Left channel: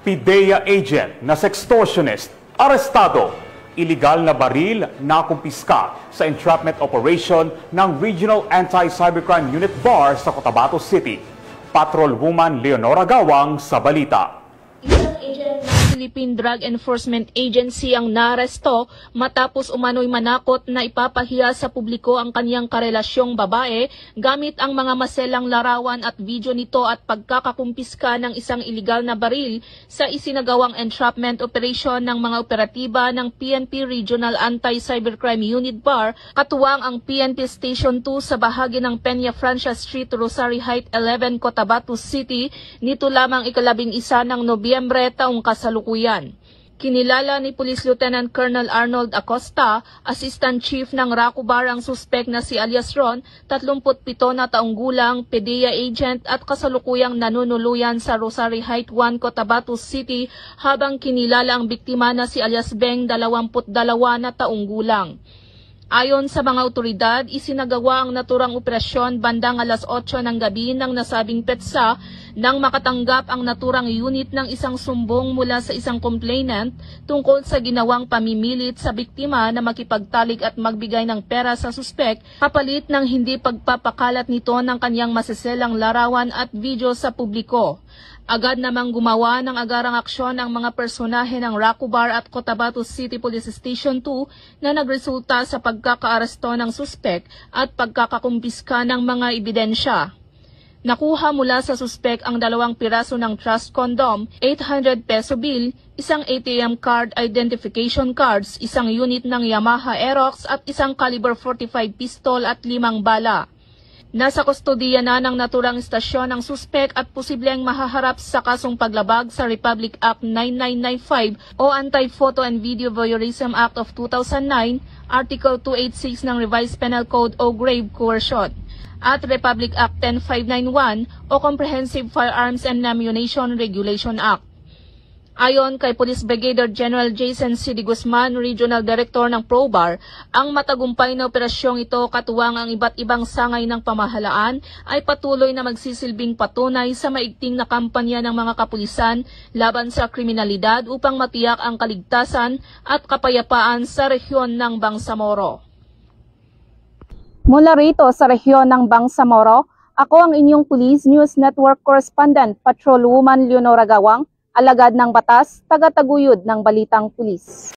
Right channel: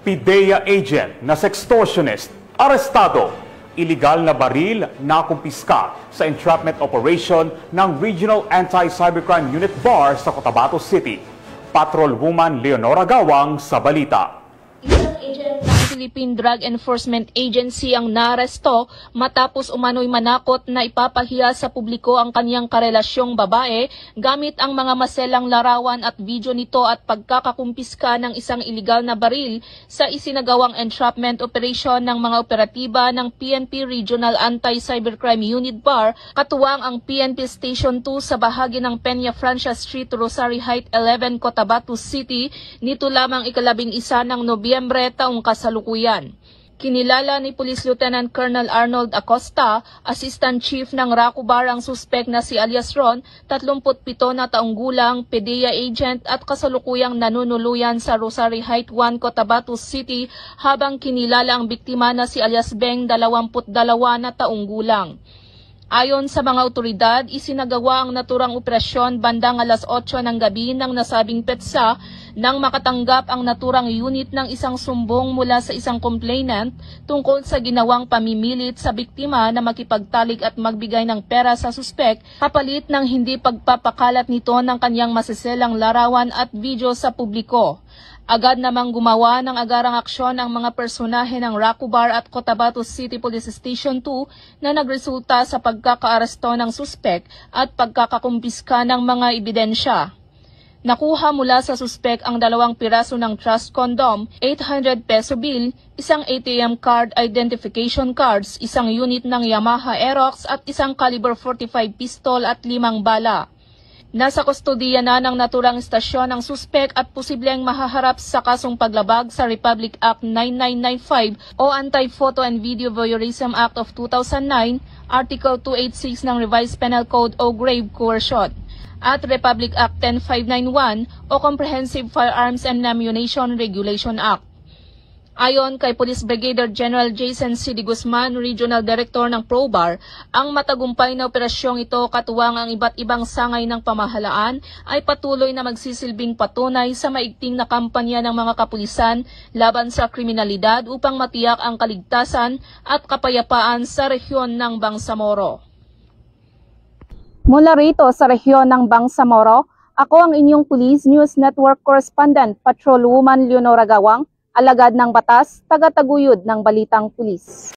PIDEA agent na sextortionist, arestado. Iligal na baril na kumpiska sa entrapment operation ng Regional Anti-Cybercrime Unit BAR sa Cotabato City. Patrolwoman Leonora Gawang sa balita. Isang agent ng Philippine Drug Enforcement Agency ang naaresto matapos umano'y manakot na ipapahiya sa publiko ang kanyang karelasyong babae gamit ang mga maselang larawan at video nito at pagkakakumpiska ng isang iligal na baril sa isinagawang entrapment operation ng mga operatiba ng PNP Regional Anti-Cybercrime Unit BAR katuwang ang PNP Station 2 sa bahagi ng Peña Francia Street, Rosary Heights 11, Cotabato City nito lamang ika-11 ng Nobyembre taong kasalukuyan. Kinilala ni Police Lieutenant Colonel Arnold Acosta, Assistant Chief ng RACU BAR ang suspek na si alias Ron, 37 na taong gulang, PIDEA agent at kasalukuyang nanunuluyan sa Rosary Heights 1, Cotabato City habang kinilala ang biktima na si alias Beng, 22 na taong gulang. Ayon sa mga otoridad, isinagawa ang naturang operasyon bandang alas 8 ng gabi ng nasabing petsa nang makatanggap ang naturang unit ng isang sumbong mula sa isang complainant tungkol sa ginawang pamimilit sa biktima na makipagtalik at magbigay ng pera sa suspek kapalit ng hindi pagpapakalat nito ng kanyang masiselang larawan at video sa publiko. Agad namang gumawa ng agarang aksyon ang mga personahe ng RACU BAR at Cotabato City Police Station 2 na nagresulta sa pagkakaaresto ng suspek at pagkakakumpiska ng mga ebidensya. Nakuha mula sa suspek ang 2 piraso ng trust condom, 800 peso bill, isang ATM card identification cards, isang unit ng Yamaha Aerox at isang caliber 45 pistol at 5 bala. Nasa kustodiya na ng naturang istasyon ang suspek at posibleng mahaharap sa kasong paglabag sa Republic Act 9995 o Anti-Photo and Video Voyeurism Act of 2009, Article 286 ng Revised Penal Code o Grave Coercion, at Republic Act 10591 o Comprehensive Firearms and Ammunition Regulation Act. Ayon kay Police Brigadier General Jason C. De Guzman, Regional Director ng ProBAR, ang matagumpay na operasyong ito katuwang ang iba't ibang sangay ng pamahalaan ay patuloy na magsisilbing patunay sa maigting na kampanya ng mga kapulisan laban sa kriminalidad upang matiyak ang kaligtasan at kapayapaan sa rehiyon ng Bangsamoro. Mula rito sa rehiyon ng Bangsamoro, ako ang inyong Police News Network Correspondent, Patrolwoman Leonora Gawang, alagad ng batas, taga-taguyod ng Balitang Pulis.